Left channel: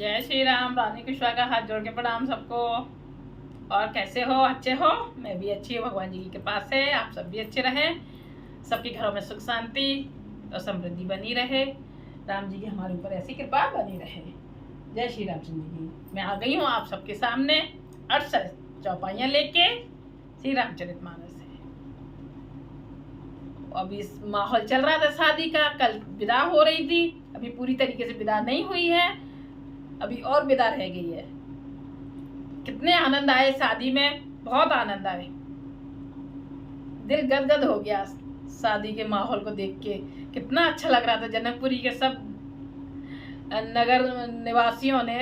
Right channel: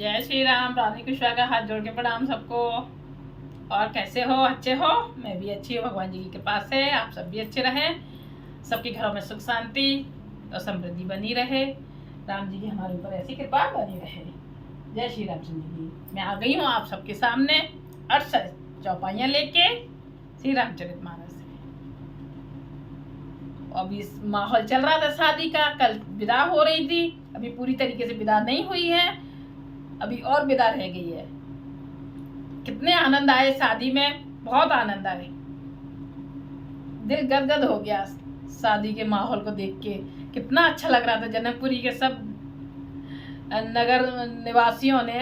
जय श्री राम। रानी कुशवाहा का हाथ जोड़ के प्रणाम सबको। और कैसे हो? अच्छे हो? मैं भी अच्छी हूँ, भगवान जी की कृपा से आप सब भी अच्छे रहें, सबके घरों में सुख शांति और समृद्धि बनी रहे। राम जी की हमारे ऊपर ऐसी कृपा बनी रहे। जय श्री रामचंद्र जी। मैं आ गई हूँ आप सबके सामने 68 चौपाइयाँ लेके श्री रामचरितमानस से। अभी माहौल चल रहा था शादी का, कल विदा हो रही थी, अभी पूरी तरीके से विदा नहीं हुई है, अभी और विदा रह गई है। कितने आनंद आए शादी में, बहुत आनंद आए, दिल गदगद हो गया शादी के माहौल को देख के। कितना अच्छा लग रहा था। जनकपुरी के सब नगर निवासियों ने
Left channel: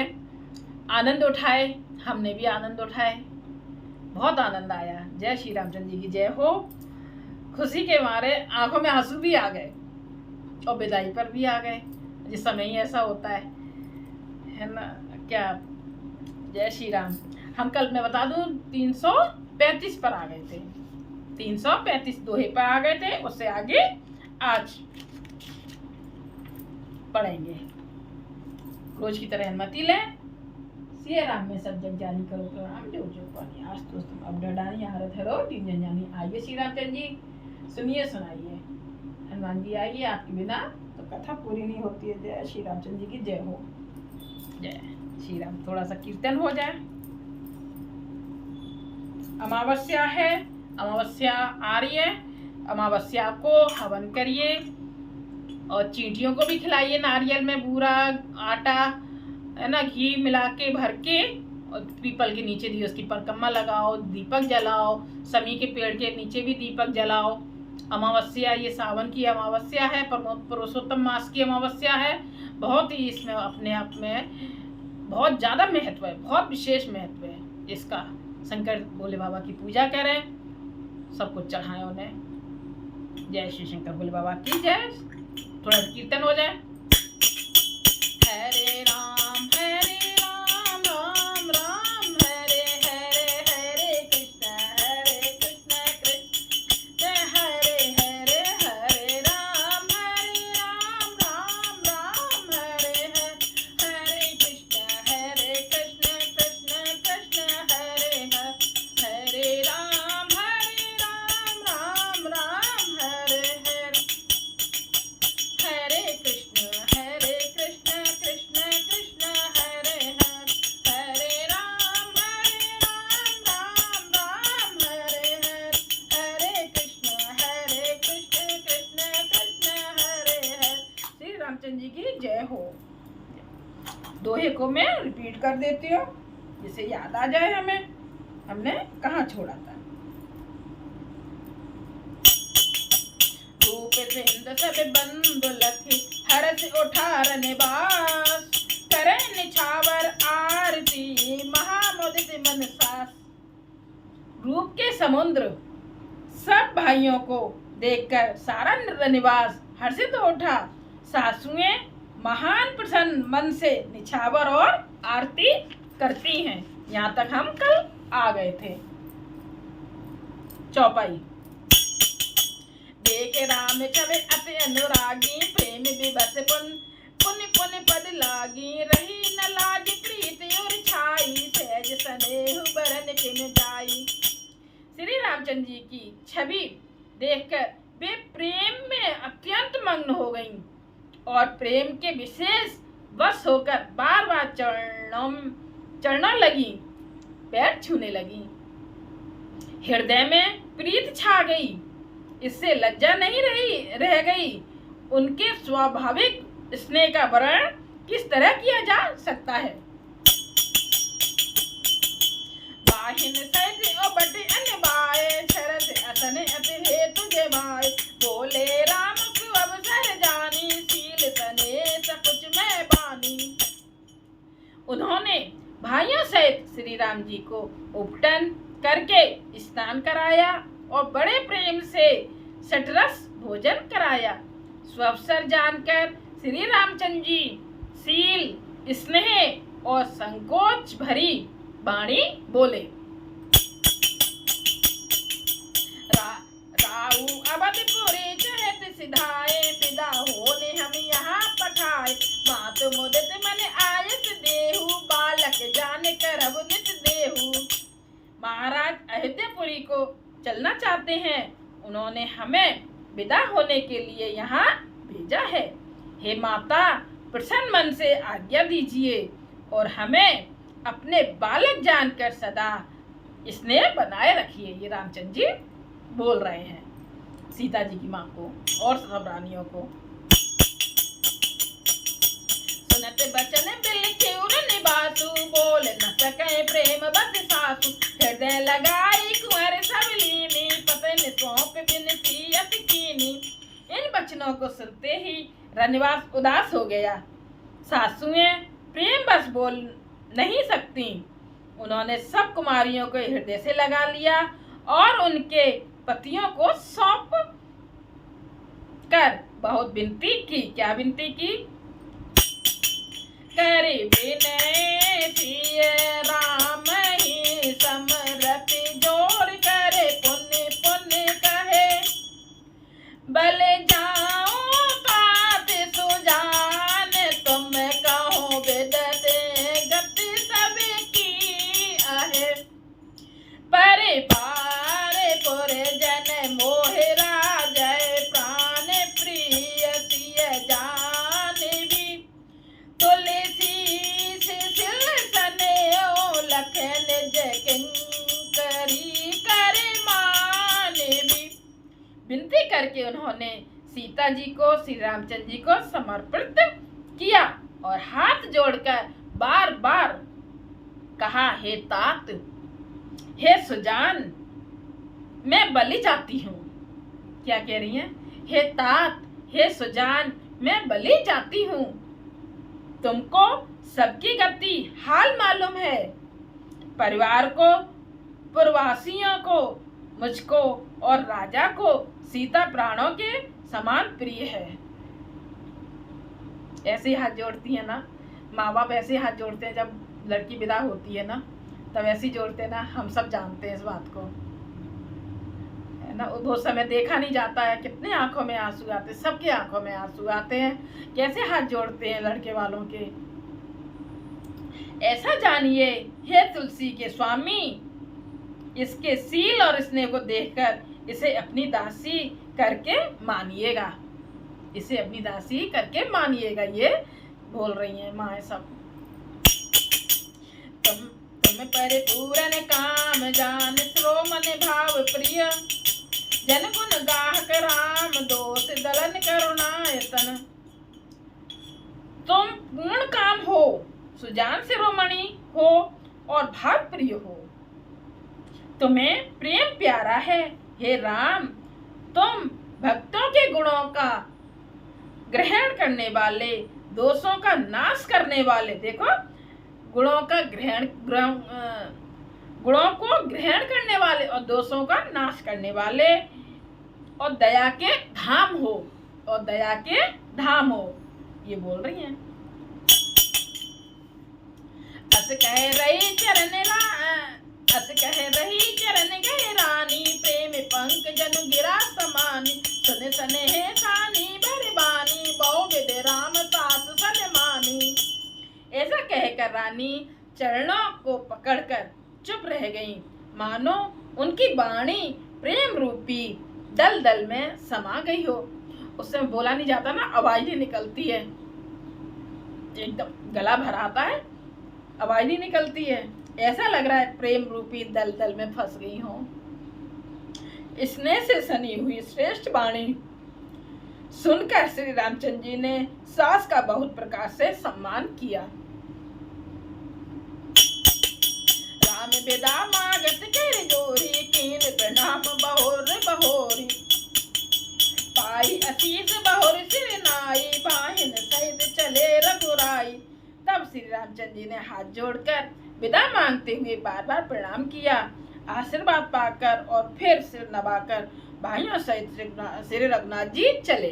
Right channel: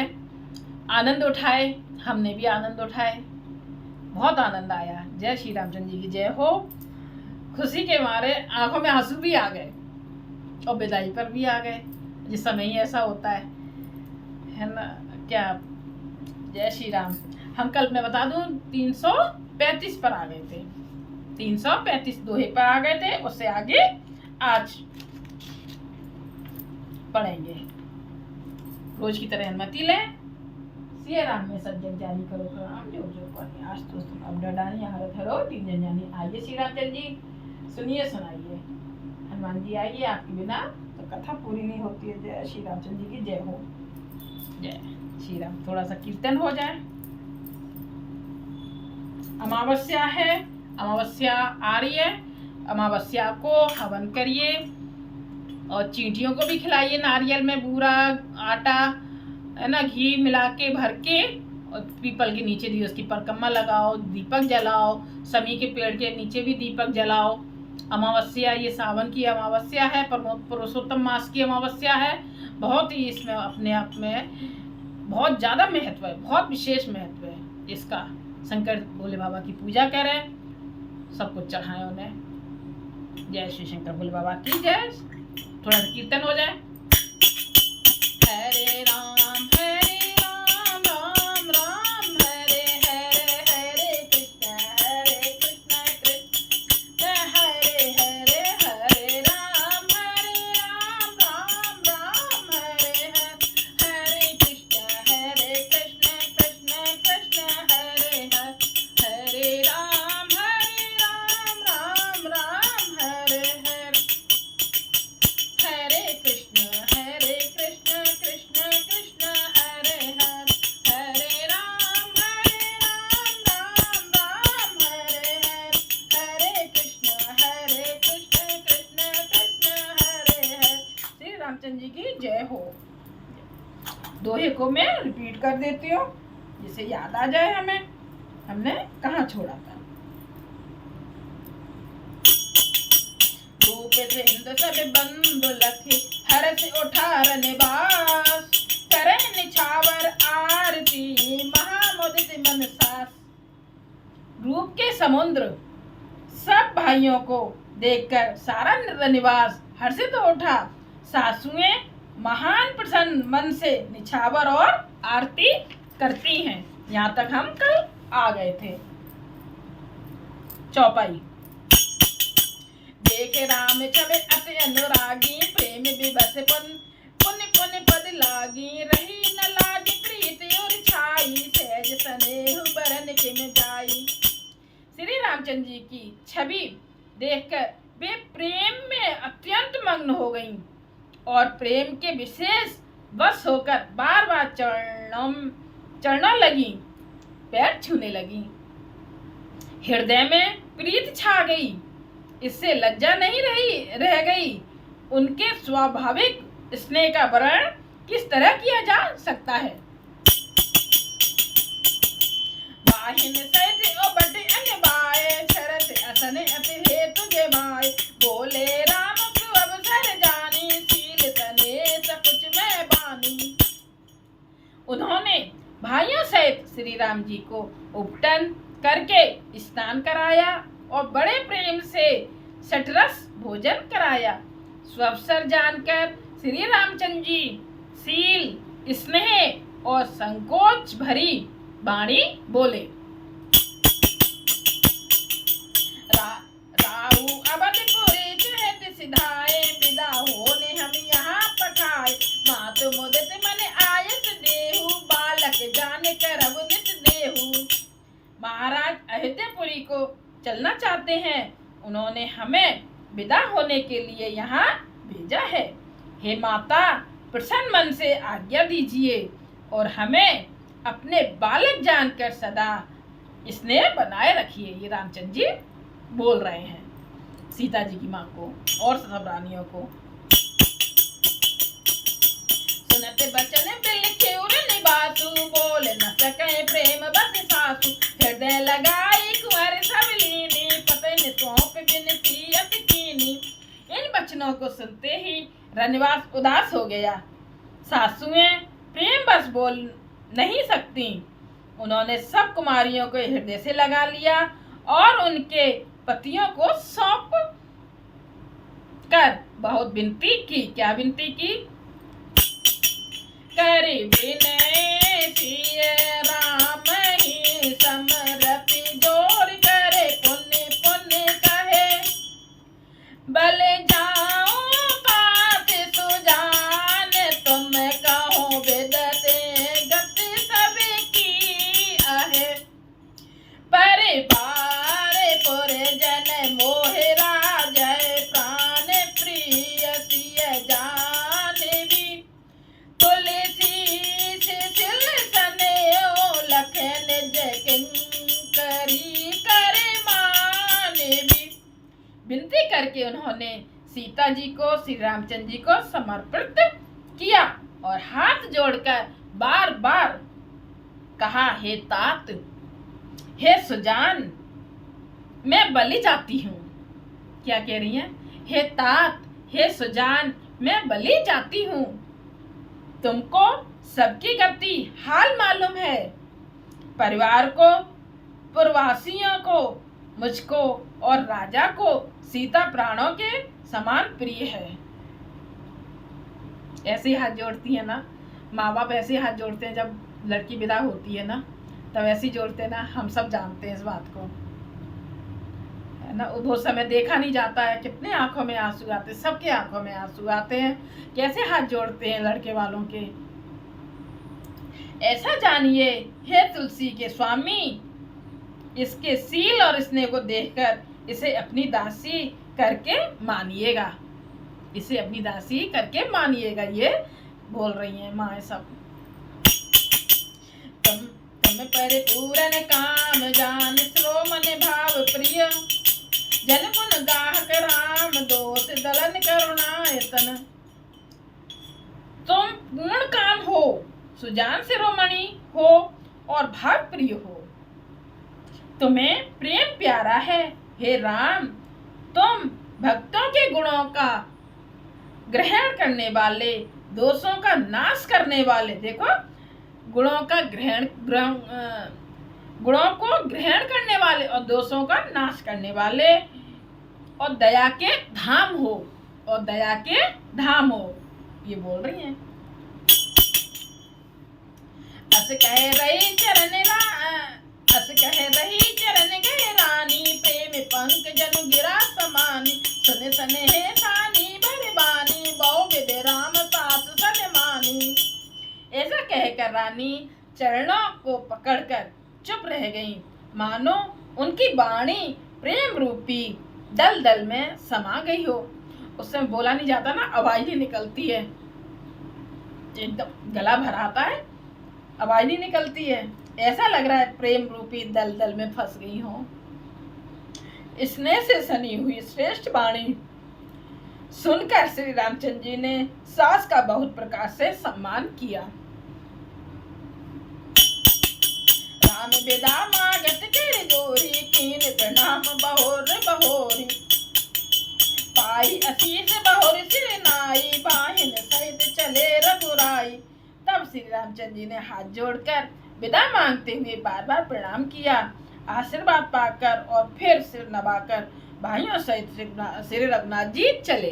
आनंद उठाए, हमने भी आनंद उठाए, बहुत आनंद आया। जय श्री रामचंद्र जी की जय हो। खुशी के मारे आंखों में आंसू भी आ गए और विदाई पर भी आ गए। जिस समय ही ऐसा होता है ना क्या। जय श्री राम। हम कल मैं बता दूं 335 पर आ गए थे, 335 दोहे पर आ गए थे। उससे आगे आज पढ़ेंगे। रोज की तरह अनुमति लें। सिया राम में सब जग जानी करो काम, जो जो पानी आज तो तुम अब डरानी हारत हरो तीन जन जानी। आइए श्री रामचंद्र जी, सुनिए सुनाइए। हनुमान जी आइए, आपके बिना तो कथा पूरी नहीं होती है। जय श्री रामचंद्र जी की जय हो। जय श्री राम। थोड़ा सा कीर्तन हो जाए। अमावस्या है, अमावस्या आ रही है। अमावस्या को हवन करिए और चींटियों को भी खिलाइए। नारियल में बूरा आटा है ना, घी मिला के भर के, और पीपल के नीचे भी उसकी परिक्रमा लगाओ, दीपक जलाओ। समी के पेड़ के नीचे भी दीपक जलाओ। अमावस्या ये सावन की अमावस्या है, पुरुषोत्तम मास की अमावस्या है। बहुत ही इसमें अपने आप में बहुत ज़्यादा महत्व है, बहुत विशेष महत्व है इसका। शंकर भोले बाबा की पूजा करें, सब कुछ चढ़ाएं उन्हें। जय श्री शंकर भोले बाबा की जय। थोड़ा सा कीर्तन हो जाए। हरे राम राम राम हरे हरे, हरे कृष्ण कृष्ण हरे हरे, हरे राम राम राम हरे हरे कृष्ण कृष्ण कृष्ण हरे हरे राम राम हरे हरे, हरे कृष्ण कृष्ण कृष्ण हरे हरे राम राम हरे हरे कृष्ण कृष्ण कृष्ण हरे हरे। श्री रामचंद्र जी की जय हो। दोहे को मैं रिपीट कर देती हूँ जिससे याद आ जाए हमें हमने कहाँ छोड़ा था। रूप सिंध सब बंधु लखी, हरस उठार निवास, करे निछावर आरती महामुदित मन सास। रूप के समुद्र सब भाइयों को देखकर सारा निवास हर्षित उठा। सासुएं महान प्रसन्न मन से निछावर और आरती करती हैं। यहाँ तक हम कल आ गए थे। चौपाई। देख राम चले अति अनुरागी, प्रेम विवश पुण्य पुण्य पद लागी। रही न लाज प्रीत और छाई, सहज स्नेह बरन किम जाई। श्री रामचंद्र जी की छवि देखकर वे प्रेम में अत्यंत मग्न हो गईं और प्रेम के विशेष वश होकर बार बार चढ़ना लगी, पैर छूने लगी। हृदय में प्रीत छा गई, इससे लज्जा नहीं रह गई। उनके स्वाभाविक स्नेह का वर्णन किस तरह किया जा सकता है। बाहिन सैज ओ बटे अनबाए, शरत असने अति हेतु जमाए। बोले राम सुअवसर जानी, शील सने सकुच में बानी। उन्होंने भाइयों सहित श्री राम जी को उपटन करके स्नान कराया और बड़े प्रेम से सटरस भोजन कराया। स्वअवसर जानकर श्री रामचंद्र जी शील स्नेह और संकोच भरी वाणी बोले। राहु अवधपुरी चहत सिधाए, विदा होने हम यहाँ पठाए। मात मुदित मन आयस देह, नगरी को चलना चाहते हैं। उन्होंने हमें विदा होने के लिए यहाँ भेजा है। हे माता, प्रसन्न मन से आज्ञा दीजिए और हमें अपने बालक जानकर सदा स्नेह बनाए रखिए। ये रामचंद्र जी बोल रहे हैं सीता जी की माँ को और सब रानियों को। सुनते बचन बिलखे उड़न बातु, बोल न सके प्रेम बस सासु। हृदय लगाई कुंवर सब लीनी, पतन सौंप बिनती अति कीनी। इन बचनों को सुनते ही रनिवास उदास हो गया। सासुएं प्रेम बस बोल नहीं सकती। उन्होंने सब कुमारियों को हृदय से लगा लिया और उनके पतियों को सौंप कर बहुत विनती की। क्या विनती की? करे विनय सिय राम ही समरति जोर, करे पुण्य पुण्य कहे बल जाओ पात सुजान। तुम कहो विदते गति सबकी आहे, परिवार पुर जन मोहे राजय प्राण प्रिय सिय जान भी। तुलसी सिल सने लखन किंकरी करे मान भी। विनती करके उन्होंने सीता जी को श्री रामचंद्र जी को समर्पित किया और हाथ जोड़कर बार बार कहा, हे तात, हे सुजान, मैं बलि जाती हूँ। क्या कह रही हैं? हे तात, हे सुजान, मैं बलि जाती हूँ। तुमको सबकी गति हाल मालूम है। परिवार को, पुरवासियों को, मुझको और राजा को सीता प्राणों के समान प्रिय है। ऐसे हाथ जोड़ती है ना माँ बाप, ऐसे हाथ जोड़ते हैं जब लड़की विदा होती है ना, तब ऐसे ही जोड़ते हैं ना। हम सब जानते हैं इस बात को, है ना। बहुत समय देखा नहीं जाता है, कितने आंखों में आंसू आते हैं, सबके आंखों में आंसू आते हैं। कैसे हाथ जोड़ते हैं लड़के वालों के। ऐसा जानिए हे तुलसी के स्वामी, इसके सील और स्नेह को देखकर इसे अपनी दासी करके मानिएगा। इसे अपनी दासी करके मानिएगा। ये बोल रही हैं माँ सब। तुम परिपूर्ण काम जान, श्रोमन भाव प्रिय। जन गुण गाहक राम, दोष दलन करुणायतन। तुम पूर्ण काम हो, सुजान शिरोमणि हो और भाव प्रिय हो। तुम्हें प्रेम प्यारा है। हे राम, तुम भक्तों के गुणों का ग्रहण करने वाले, दोषों का नाश करने वाले। देखो, गुणों का गुणों को ग्रहण करने वाले और दोषों का नाश करने वाले, और दया के धाम हो, और दया के धाम हो। ये बोल रही हैं। अस कह रही चरण गए रानी, प्रेम पंख जन गिरा समानी। सुन सने हे सानी भरबानी, बहु विद राम सास सन मानी। ऐसा कहकर रानी चरणों को पकड़कर चुप रह गईं, मानो उनकी वाणी प्रेम रूपी दलदल में समा गई हो। उस समय बोला नहीं जाता ना, आवाज ही निकलती है, एकदम गला भराता है, आवाज नहीं निकलती है। ऐसा लग रहा है प्रेम रूपी दलदल में फंस गई हो। स्नेह से सनी हुई श्रेष्ठ वाणी सुनकर श्री रामचंद्र जी ने सास का बहुत प्रकार से सम्मान किया। राम विदा मागत कर जोरी, कीन प्रणाम बहोर बहोरी। पाई आशीष बहोर सिर नाई, बाहिन सहित चले रघुराई। तब श्री रामचंद्र जी ने हाथ जोड़कर विदा मांगते हुए बार बार प्रणाम किया। आशीर्वाद पाकर और फिर सिर नवाकर भाइयों सहित श्री रघुनाथ जी चले।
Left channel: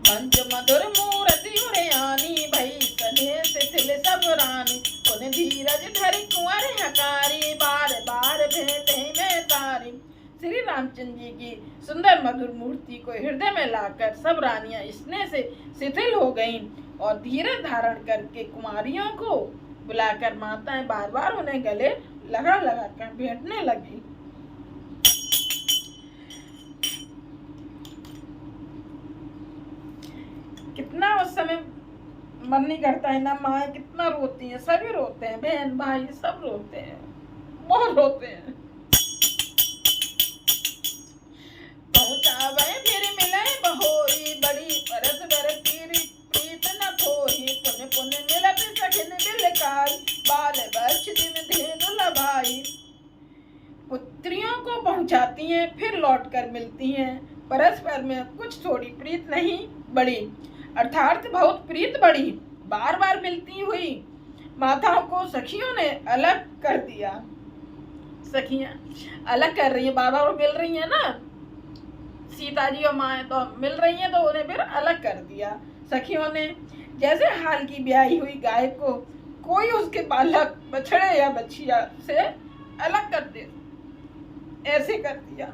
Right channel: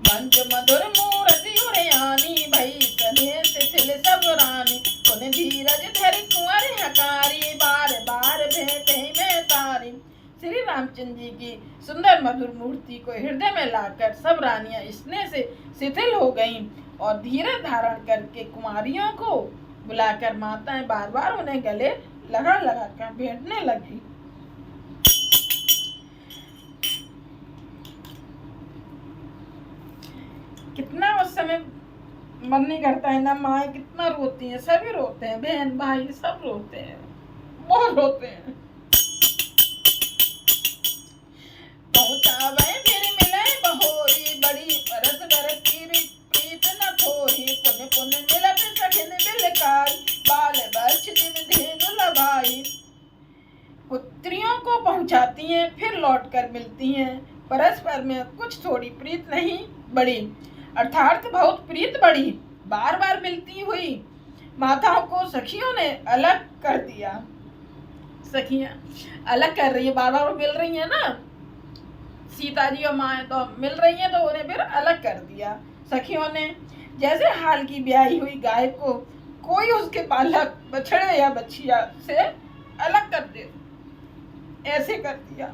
मंज मधुर मूर्ति उड़यानी, भई सने शिथिल सब रानी। पुन धीरज धरि कुंवर हकारी, बार बार भेंटे में तारी। श्री रामचंद्र जी की सुंदर मधुर मूर्ति को हृदय में लाकर सब रानियां स्नेह से शिथिल हो गईं और धीरज धारण करके कुमारियों को बुलाकर माताएं बार बार उन्हें गले लगा लगा कर भेंटने लगी। कितना उस समय मन नहीं करता है ना, माँ कितना रोती है, सभी रोते हैं, बहन भाई सब रोते हैं, बहुत रोते हैं। पहुंचावे फिर मिले बहोरी, बड़ी परस बर की प्रीत न थोरी, पुन पुन मिलत सखिन बिलकाई, बाल बर्ष दिन धेनु लभाई। पुत्रियों को पहुंचाती हैं, फिर लौट कर मिलती हैं, परस्पर में कुछ थोड़ी प्रीत नहीं बढ़ी, अर्थात बहुत प्रीत बढ़ी। बार बार मिलती हुई माताओं को सखियों ने अलग कर दिया। सखियां अलग कर रही है, बार बार मिल रही है ना, सीता जी और माँ तो मिल रही हैं, तो उन्हें फिर अलग कर दिया सखियों ने। जैसे हाल की ब्याही हुई गाय को कोई उसके बालक बछड़े या बछिया से अलग कर दे, ऐसे कर दिया।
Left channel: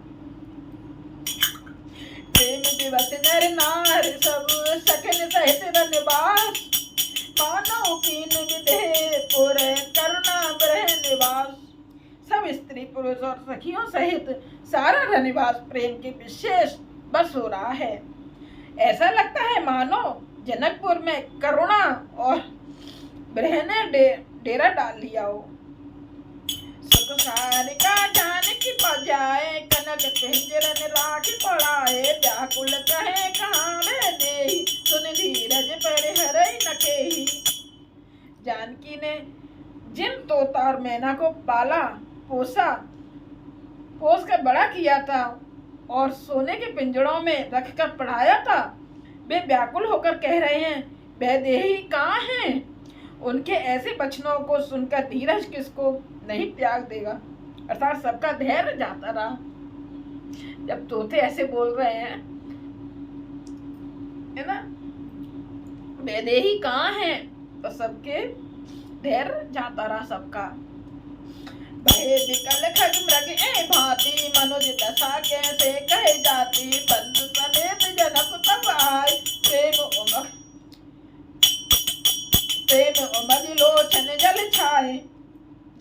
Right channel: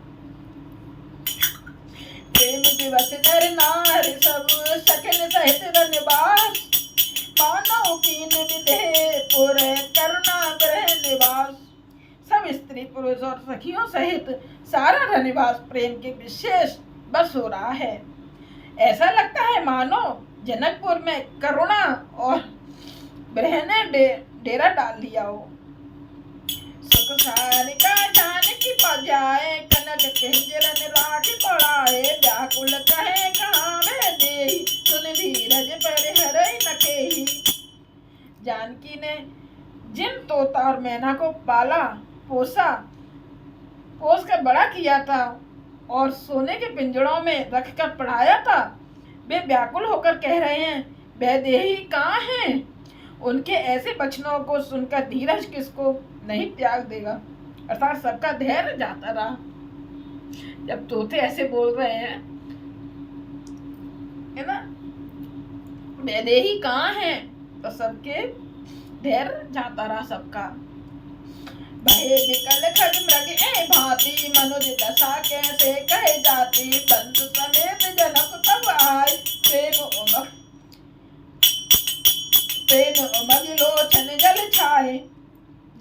प्रेम दिवस नर नार सब सखन सहित रनिवास, मानव कीन विधे पुर करुणा ब्रह निवास। सब स्त्री पुरुष और सखियों सहित सारा रनिवास प्रेम के विशेष बस हो रहा है। ऐसा लगता है मानो जनकपुर में करुणा और ब्रह ने डेरा डाल लिया हो। सुख सारिका जानकी पजाए, कनक किंजरन राख पड़ाए, व्याकुल कहे कहाँ वह देहि, सुन धीरज पर हरई नखेहि। जानकी ने जिन तोता और मैना को पाला पोसा, पोस कर बड़ा किया था और सोने के पिंजड़ों में रख कर पढ़ाया था, वे व्याकुल होकर कह रहे हैं, वैदेही कहाँ हैं? उनके ऐसे वचनों को सुनकर धीरज किसको नहीं त्याग देगा, अर्थात सबका धैर्य जाता रहा। जब तोते ऐसे बोल रहे हैं, है ना, वैदेही कहाँ हैं, तो सबके धैर्य जाता रहा सबका। भय विकल खग मृग ए भांति, मनुज दशा कैसे कहे जाती, बंधु समेत जनक तब आए, प्रेम उमग लोचन जल छाए।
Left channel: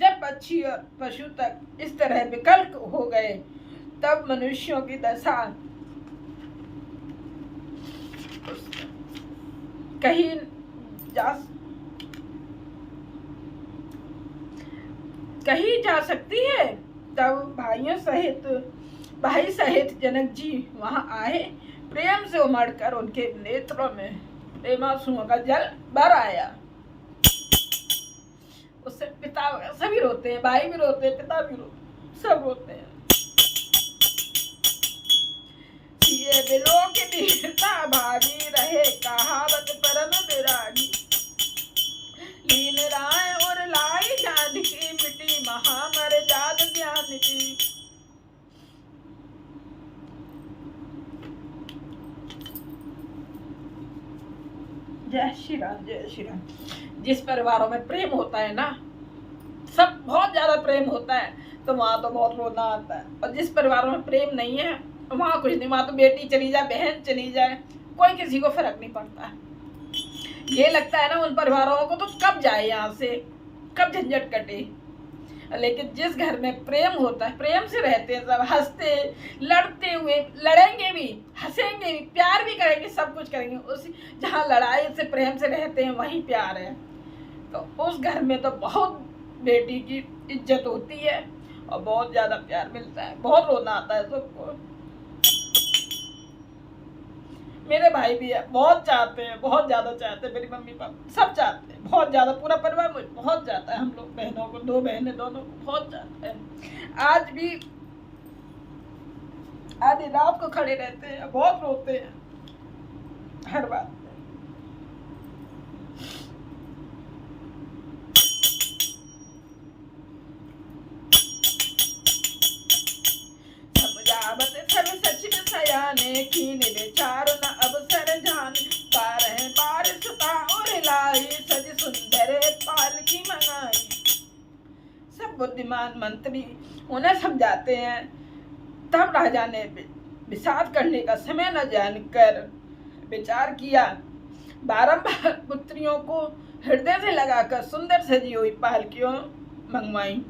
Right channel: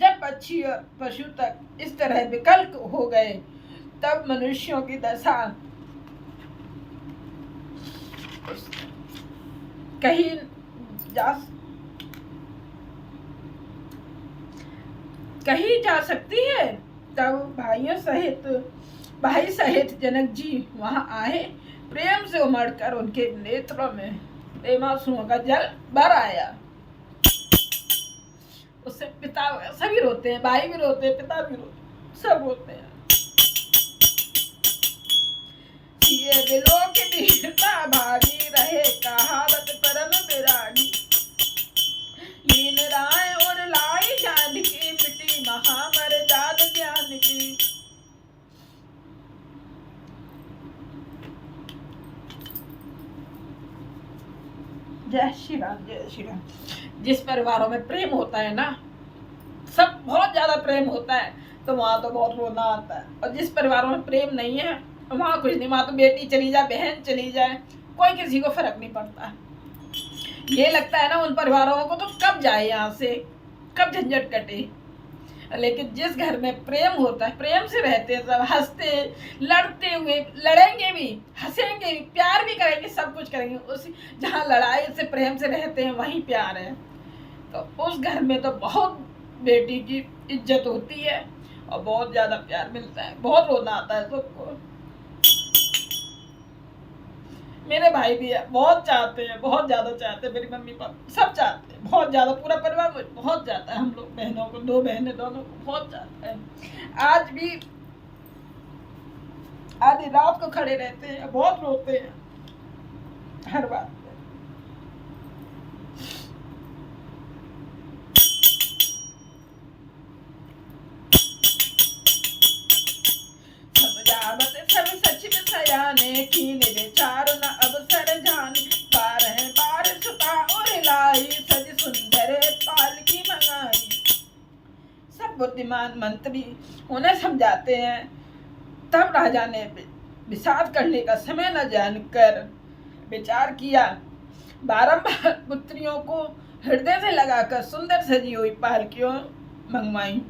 जब पक्षी और पशु तक इस तरह विकल हो गए, तब मनुष्यों की दशा कही जा सकती है। तब भाई सहित जनक जी वहां आए, प्रेम से उमड़कर उनके नेत्रों में प्रेमांसुओं का जल भर आया। उससे पिता सभी रोते हैं, भाई भी रोते हैं, पिता भी रोते, सब रोते हैं। ये बिलोक वीरता भागी, रहे कहावत परम विरागी, लीन राय और लाई जानकी, मिटी महामर्याद ज्ञान की। जय श्री राम, जय श्री राम। जिस परिवारों में प्रेम होता है ना, सब बहुत ज्यादा प्रेम होता है, तो वहां तो बहुत रोना आता है। और जिस परिवारों में प्रेम नहीं है, वहां कुछ नहीं, वहां तो बेटी चली जाए, बहन चली जाए, कोई किसी को फर्क नहीं पड़ता है। ये लगता है ना उन परिवारों को तो कब जाए यहाँ से, कब झंझट कटे। लेकिन जिस घर में प्रेम होता है, प्रेम से रहते हैं, सब हंसते लड़ते हुए, लड़ेंगे भी, हंसेंगे भी, प्यार भी करेंगे, सब कुछ करेंगे। उसी जहाँ लड़ाई से प्रेम से रहते हैं वहीं प्यार है, तो उस घर में तो बहुत बेटी की इज्जत होती है और बहुत ज्यादा प्यार मिलता है। बहुत रोना आता है सबको। मेरे भाई भी है, बहुत चाहते हैं, बहुत ज्यादा चाहते हैं, मेरी मम्मी पापा सब चाहते हैं, बहुत ज्यादा, पूरा परिवार बहुत चाहता है। हम लोग बहनों को, 2 बहनें दोनों को बहुत चाहता है। आज भी आधी रात को खड़े रहते हैं, बहुत रोते हैं हर बात पे। सब सच सयाने, कीन विचार न अवसर जान, बार सुता और लाई, सज सुंदर पालकी मंगाई। सब बुद्धिमान मंत्री उन्हें समझाते हैं, तब राजा ने विषाद करने का समय न जानकर विचार किया, बारंबार पुत्रियों को हृदय से लगाकर सुंदर सजी हुई पालकियों मंगवाई।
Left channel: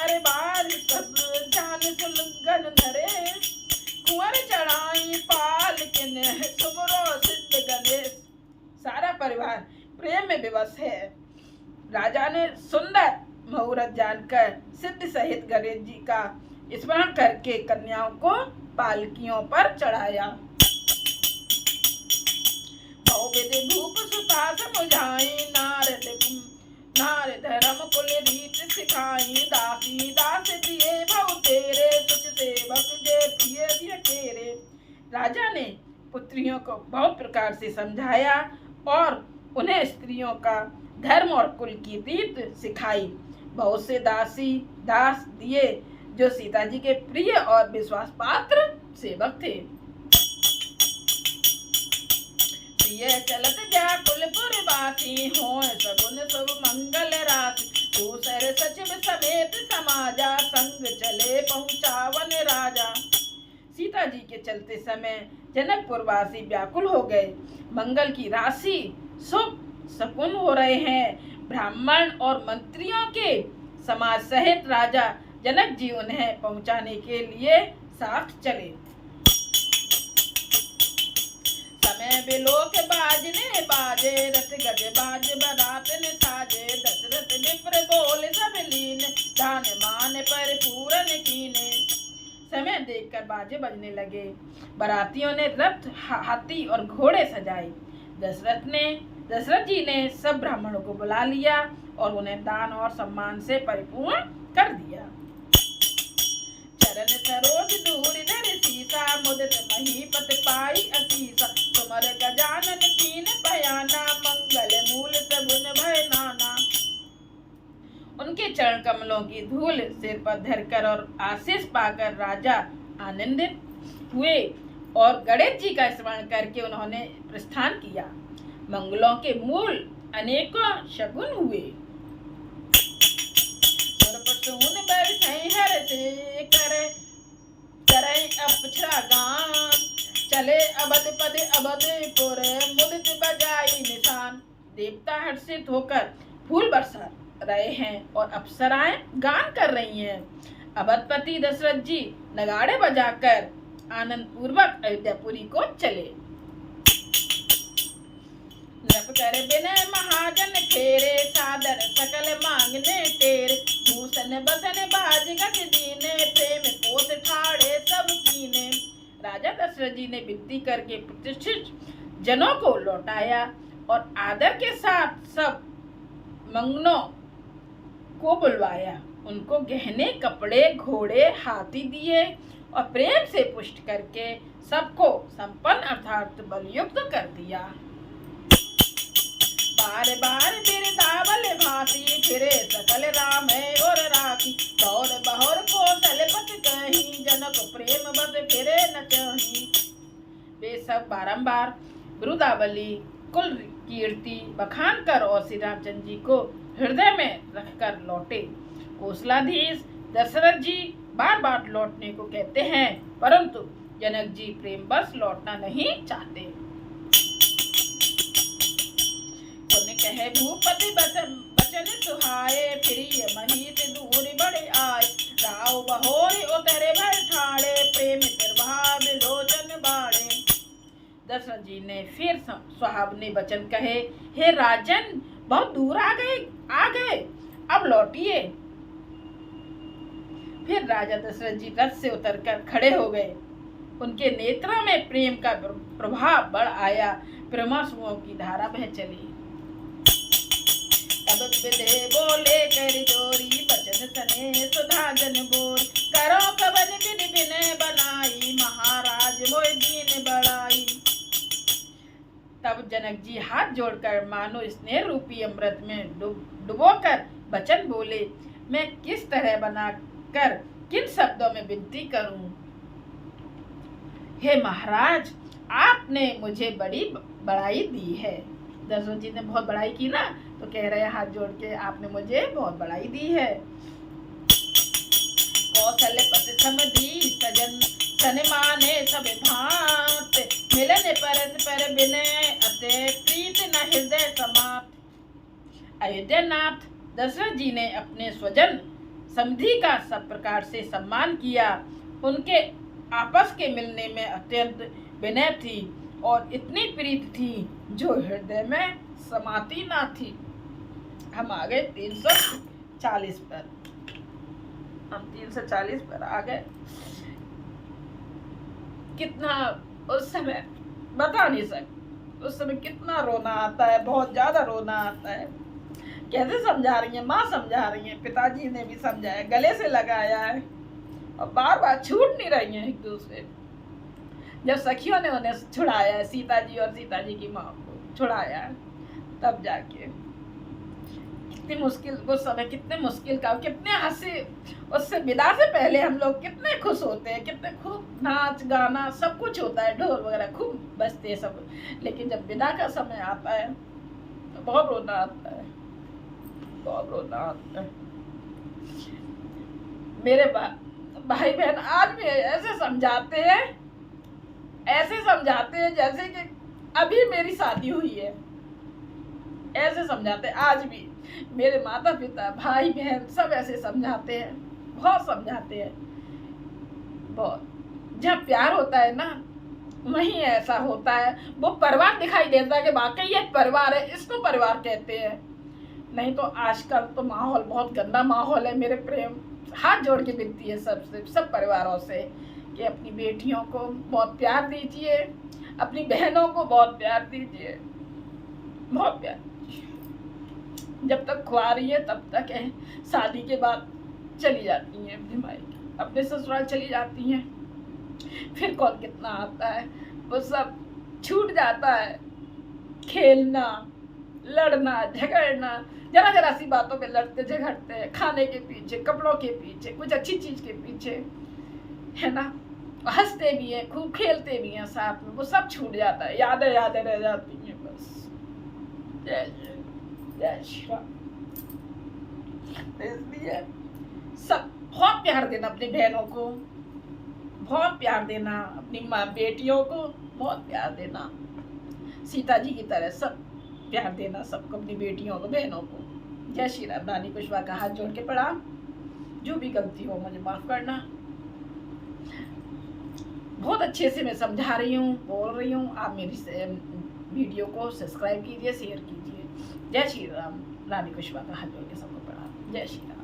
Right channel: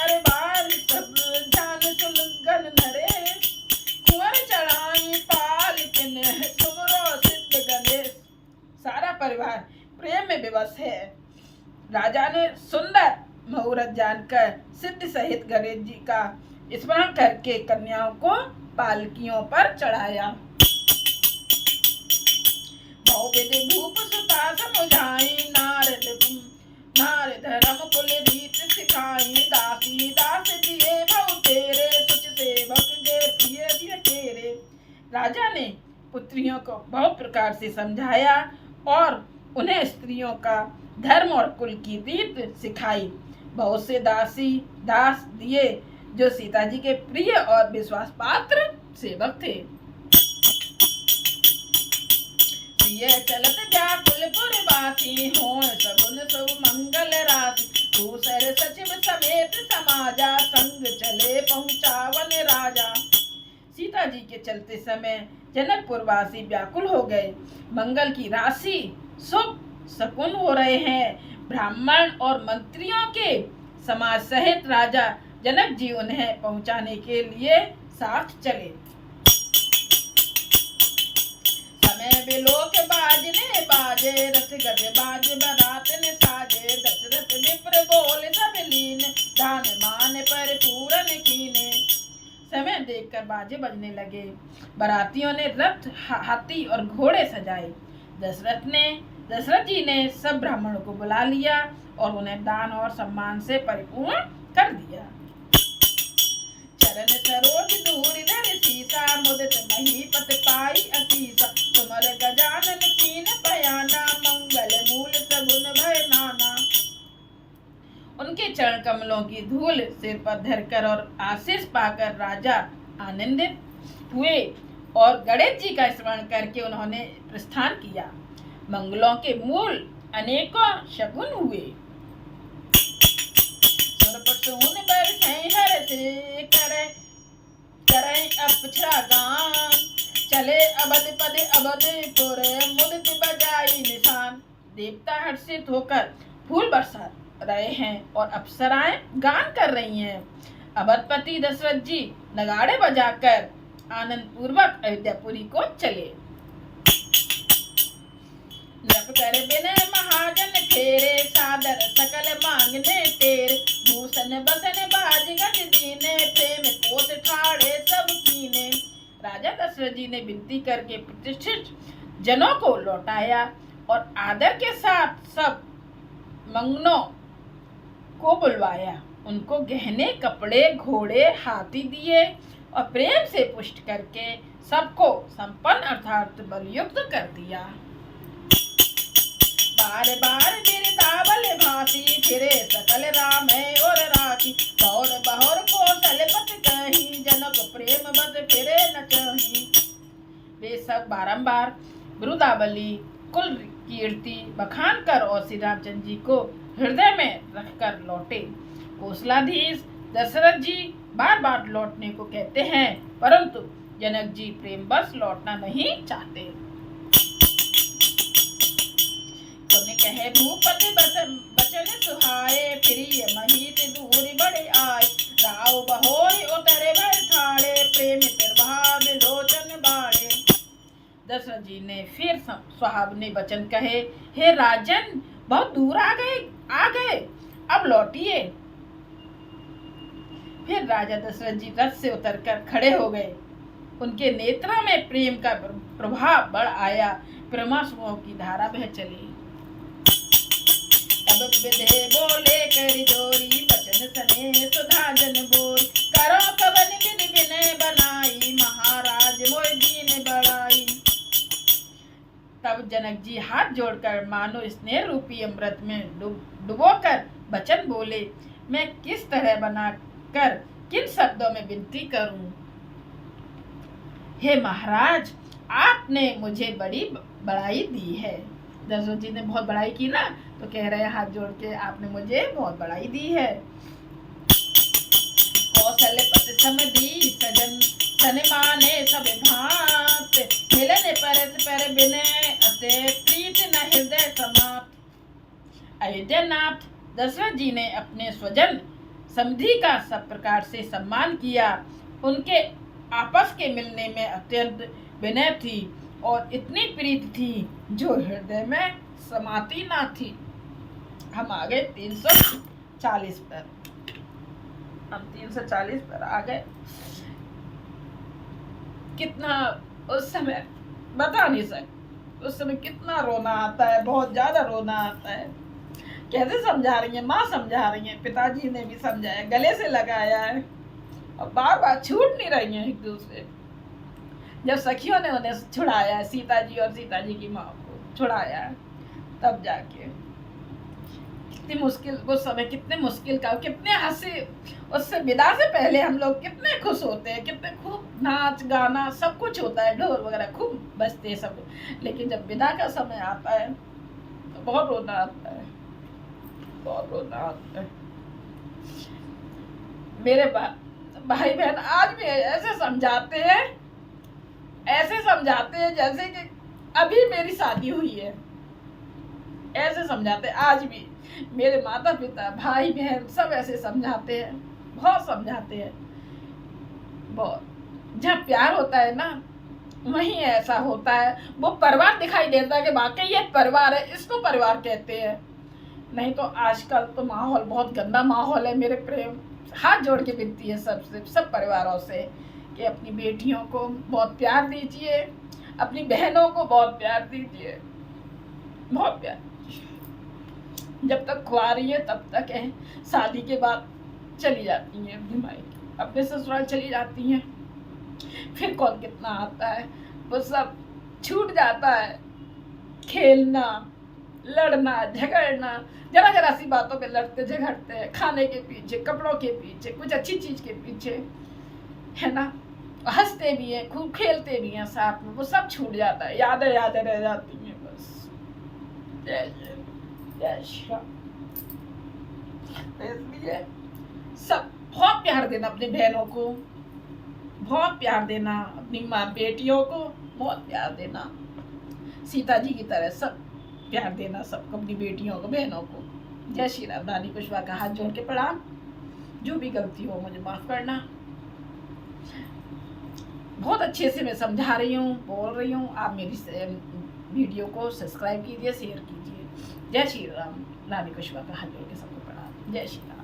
परिवार सब जान सुन गन नरे, कुंवर चढ़ाई पाल किन सुमरो सिद्ध गणेश। सारा परिवार प्रेम में विवश है। राजा ने सुंदर मुहूर्त जानकर सिद्ध सहित गणेश जी का स्मरण करके कन्याओं को पालकियों पर चढ़ाया। बहुविधि भूप सुता समुझाई, नारद धर्म कुल रीत सिखाई। दासी दास दिए बहु तेरे, कुछ सेवक जे प्रिय दिय तेरे। राजा ने पुत्रियों को बहुत प्रकार से समझाया और उन्हें स्त्रियों का धर्म और कुल की रीत सिखाई। बहुत से दासी दास दिए जो सीता जी के प्रिय और विश्वास पात्र सेवक थे। ये चलत व्याकुलपुर वासी, हो सगुन शुभ मंगल राशि। दूसर सचिव समेत समाजा, संग चले पहुँचावन राजा। सीता जी के चलते समय जनकपुर वासी व्याकुल हो गए। मंगल की राशि शुभ शकुन हो रहे हैं। ब्राह्मण और मंत्रियों के समाज सहित राजा जनक जी उन्हें पहुंचाने के लिए साथ चले। समय बिलोक बाजने बाजे, रथ गज बाज बरात ने साजे। दशरथ विप्र बोल सब लीन, दान मान पर पूरन कीने। समय देखकर बाजे बजने लगे। बारातियों ने रथ हाथी और घोड़े सजाए। दशरथ जी ने सब ब्राह्मणों को बुला लिया और उन्हें दान और सम्मान से परिपूर्ण कर दिया। चरण सरोज दूर धर सीसा, मुदित महीपत पाई असीसा। तुमर गजानन कीन बयाना, मंगल मूल सगुन भय नाना। उनके चरण कमलों की धूल सिर पर धरकर और आशीष पाकर राजा आनंदित हुए और गणेश जी का स्मरण करके उन्होंने प्रस्थान किया। मंगलों के मूल अनेकों शगुन हुए। चले अबध पद अबधपुर, मुदित बजाई निशान। देवता हर्षित होकर फूल बरसा रहे हैं और अप्सराएं गान कर रही हैं। अवधपति दशरथ जी नगाड़े बजाकर आनंद पूर्वक अयोध्यापुरी को चले। नप कर विनय महाजन फेरे, सादर सकल मांगने तेरे। भूषण बसन बाज गज दीने, प्रेम पोत ठाड़े सब कीने। राजा दशरथ जी ने विनती करके प्रतिष्ठित जनों को लौटाया और आदर के साथ सब मंगनों को बुलवाया। उनको गहने कपड़े घोड़े हाथी दिए और प्रेम से पुष्ट करके सबको संपन्न अर्थात बलयुक्त कर दिया। बार बार बिरदावल भांति, फिरे सकल राम और राखी। बौर बहोर कौशल पत कहीं, जनक प्रेम बस फिरे न कहीं। वे सब बारंबार बिरुदावली कुल कीर्ति बखान कर और श्री रामचंद्र जी को हृदय में रखकर लौटे। कौशलाधीश दशरथ जी बार बार लौटने को कहते हैं, परंतु जनक जी प्रेम बस लौटना नहीं चाहते। कहे भूपति बचन सुहाए, प्रिय महीत दूर बड़े आए। राव बहोरी उतरे भर ठाड़े, प्रेम प्रभाव लोचन बाड़े। दशरथ जी ने फिर सुहावने वचन कहे, हे राजन बहुत दूर आ गए अब लौटिए। फिर राजा दशरथ जी रथ से उतरकर खड़े हो गए। उनके नेत्रों में प्रेम का प्रभाव बढ़ आया। प्रेमाश्रुओं की धारा बह चली। तब विधे बोले करि जोरी, बचन सने सुधा जन बोरी। करो कवन विधि विनय बनाई, महाराज मोय दीन बढ़ाई। तब जनक जी हाथ जोड़कर मानो स्नेह रूपी अमृत में डुबोकर वचन बोले, मैं किस तरह बनाकर किन शब्दों में विनती करूं। हे महाराज, आपने मुझे बड़ी बड़ाई दी है। दशरथ जी ने बहुत बड़ाई की ना, तो कह रहे हैं हाथ जोड़ के, आपने मुझे बहुत बड़ाई दी है। कौशल पति समधी सजन, सन माने सब भांत। मिलन परस पर विनय अते, प्रीत न हृदय समाप्त। अयोध्यानाथ दशरथ जी ने अपने स्वजन समधी का सब प्रकार से सम्मान किया। उनके आपस के मिलने में अत्यंत विनय थी और इतनी प्रीति थी जो हृदय में समाती ना थी। हम आ गए 340 पर। हम 340 पर आ गए। कितना उस समय बता नहीं सकते, उस समय कितना रोना आता है, बहुत ज्यादा रोना आता है। कैसे समझा रही है, माँ समझा रही है, पिताजी ने भी समझाया, गले से लगाया है और बार बार छूट नहीं रही है एक दूसरे। जब सखियों ने उन्हें छुड़ाया, सीता जी और सीता जी की माँ को छुड़ाया, तब जाके कितनी मुश्किल, उस समय कितने मुश्किल का, कितने हंसे। उससे विदा से पहले हम लोग कितने खुश होते हैं, कितने खूब नाच गाना सब कुछ होता है, ढोल वगैरह खूब बजते हैं सब। लेकिन जब विदा का समय आता है तो बहुत रोना आता है, बहुत रोना आता है। मेरे भाई बहन आज भी ऐसे समझाते हैं, ऐसे समझाते हैं जैसे कि अभी मेरी शादी हुई है, ऐसे समझाते हैं आज भी। मेरे माता पिता, भाई बहन सब ऐसे समझाते हैं, बहुत समझाते हैं, बहुत। जब प्यार होता है ना वहीं ऐसा होता है, वो परिवार दिखाई देता है कि वाकई ये परिवार है, इसको परिवार कहते हैं। नहीं तो आजकल तो माहौल बहुत गंदा माहौल है। मेरे प्रेम हाथ जोड़ के विनती है सबसे, सब परिवारों से कि अपनी बेटियों को बहुत प्यार दीजिए, अपनी बहनों को बहुत प्यार दीजिए, बहुत प्यार। जब तक खुआ रही है तब तक है, शादी के बाद चली जाती हैं अपनी मायके, अपने ससुराल चली जाती हैं। फिर कौन कितना आता है, वो सब छूट जाता है। खेलना, लड़ना, झगड़ना, जरा जरा सी बातों पे लड़ते झगड़ते हैं, खाने के पीछे, कपड़ों के पीछे, कुछ अच्छी चीज के पीछे, है ना। हंसते भी हैं, खूब खेलते भी हैं साथ में, वो सब छूट जाता है, यादें यादें रह जाती हैं बस। जय जय जय श्री राम। इसलिए सब बहुत प्यार देना अपनी बहनों को, बहुत प्यार देना अपनी माँ बेटियों को, बहुत प्यार देना। सीता जी की तरह सब प्यार देना सबको, अपनी बेटियों को, बहनों को। जय श्री राम। रानी कुशवाहा का हाथ जोड़ के प्रणाम। जो भी गलती हो मुझे माफ करना। बहुत अच्छे से मैं समझा रही हूँ, बोल रही हूँ। आप मेरी वीडियो को सब्सक्राइब कीजिए, शेयर कीजिए। जय श्री राम। रानी कुशवाहा का हाथ जोड़ के सबको प्रणाम। जय श्री राम।